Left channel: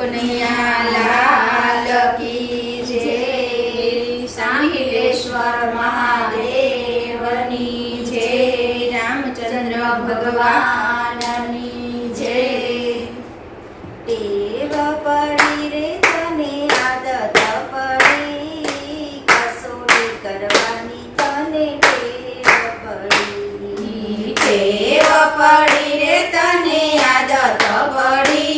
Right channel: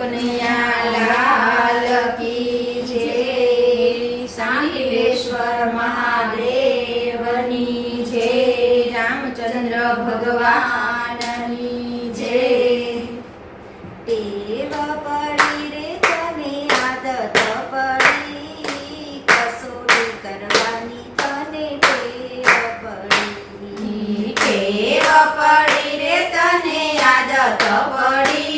કનૈયા લાલ કી જય। સાંગીલેશ્વર મહાદેવની જય। રામચંદ્ર ભગવાનની જય। ટેવ પડી રે તને આદત પડી કસોટી કરવાની તને ટેવ પડી। ટેવ પડી રે તને આદત પડી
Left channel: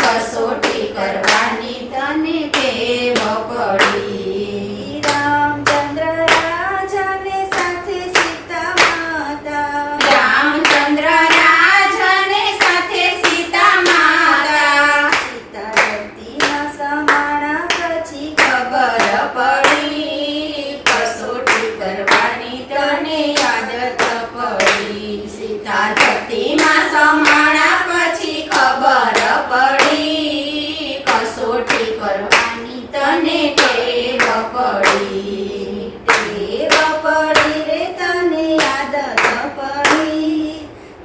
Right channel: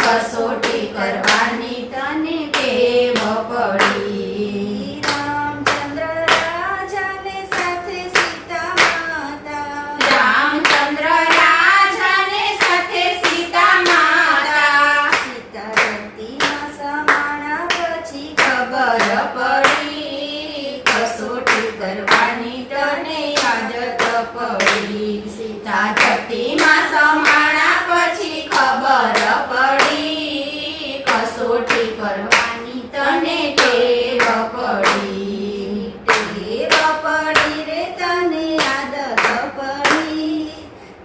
કસોટી કરવાની તને ટેવ પડી। રામચંદ્ર રાજાને સાથે સીતા માતા રામચંદ્ર રાજાને સાથે સીતા માતા સીતાવતીના સમાણા પછી ખબર પડી કસોટી કરવાની તને આદત પડી। સીતા જતીમાં સમાણા પછી ખબર પડી કસોટી કરવાની તને ટેવ પડી। ટેવ પડી રે તને આદત પડી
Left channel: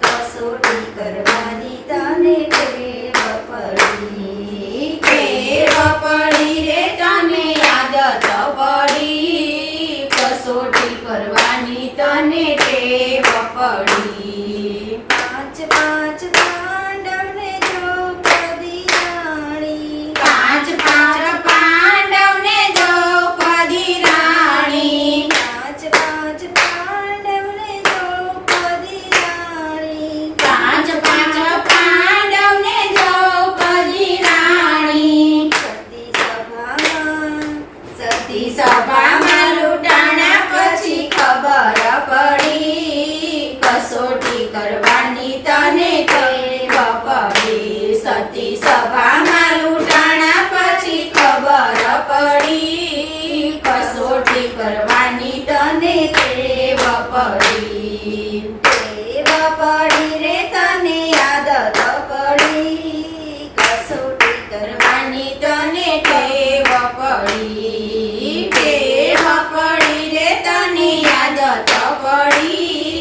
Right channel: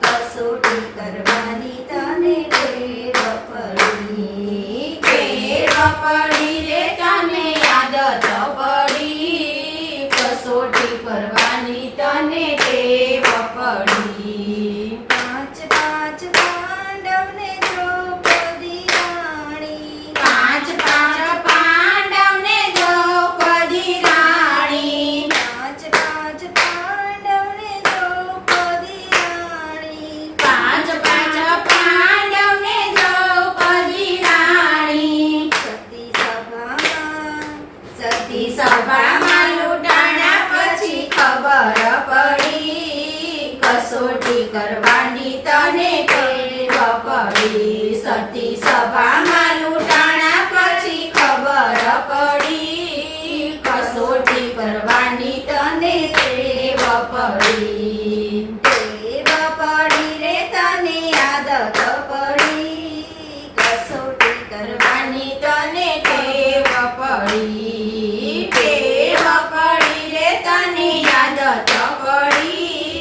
કસોટી કરવાની તને ટેવ પડી। ટેવ પડી રે તને આદત પડી કસોટી કરવાની તને ટેવ પડી। પાંચ પાંચ પાંડવને દ્રૌપદી રાણી પાંચ પાંચ પાંડવને દ્રૌપદી રાણી પાંચ પાંચ પાંડવને દ્રૌપદી રાણી પાંચ પાંચ પાંડવને દ્રૌપદી રાણી સતી સતી સભામાં સભામાં લૂંટાણા પછી ખબર પડી કસોટી કરવાની તને ટેવ પડી। સતી સભામાં લૂંટાણા પછી ખબર પડી કસોટી કરવાની તને ટેવ પડી। ટેવ પડી રે તને આદત પડી કસોટી કરવાની તને ટેવ પડી। ટેવ પડી રે તને આદત પડી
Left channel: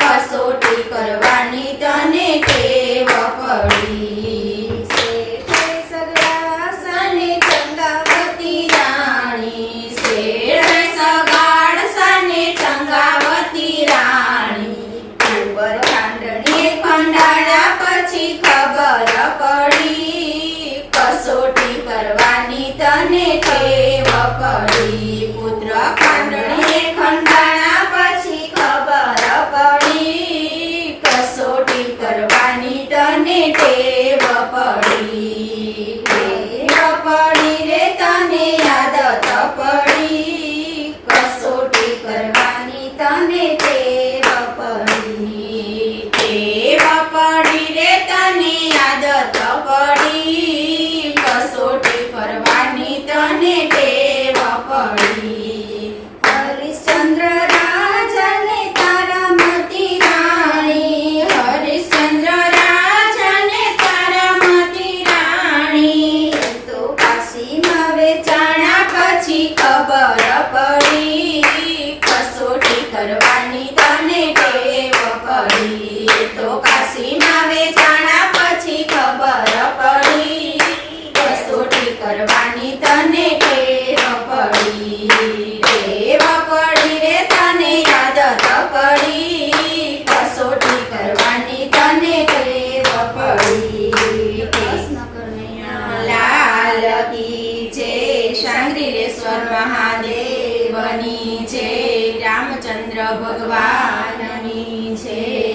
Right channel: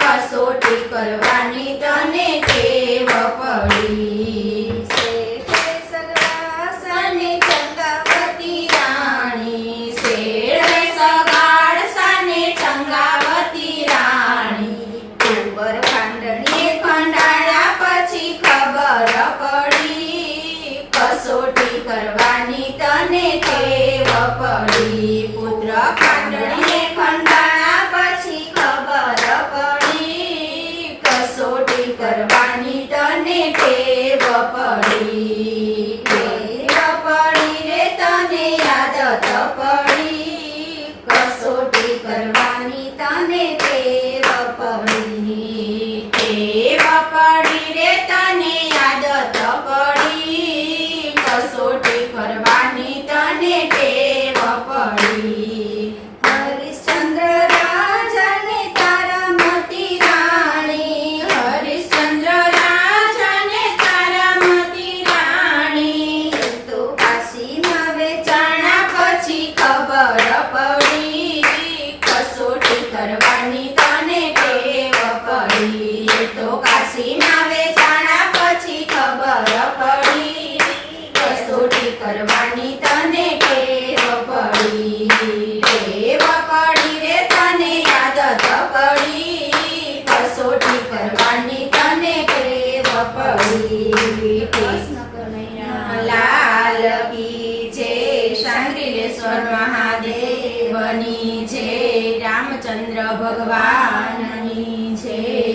કસોટી કરવાની તને ટેવ પડી। શેઠે સગડાસને ચંગાવતી રાણી શેઠે સગાડસાને ચંગાવતી રાણી કુંવર ખાંડણી એ ખંડાળા પછી ખબર પડી કસોટી કરવાની તને ટેવ પડી। પુત્ર ખાંડણીએ ખંડાળા પછી ખબર પડી કસોટી કરવાની તને ટેવ પડી। ટેવ પડી રે તને આદત પડી કસોટી કરવાની તને ટેવ પડી। ટેવ પડી રે તને આદત પડી કસોટી કરવાની તને ટેવ પડી। હરિશ્ચંદ્ર રાજાને તારામતી રાણી હરિશ્ચંદ્ર રાજાને તારામતી રાણી તો કાશીમાં વેચાણ ચાણા પછી ખબર પડી કસોટી કરવાની તને ટેવ પડી। તો કાશીમાં વેચાણા પછી ખબર પડી કસોટી કરવાની તને ટેવ પડી। ટેવ પડી રે તને આદત પડી કસોટી કરવાની તને ટેવ પડી। કૃષ્ણ કનૈયા લાલ કી જય। સાંગીલેશ્વર મહાદેવની જય। રામચંદ્ર ભગવાનની જય।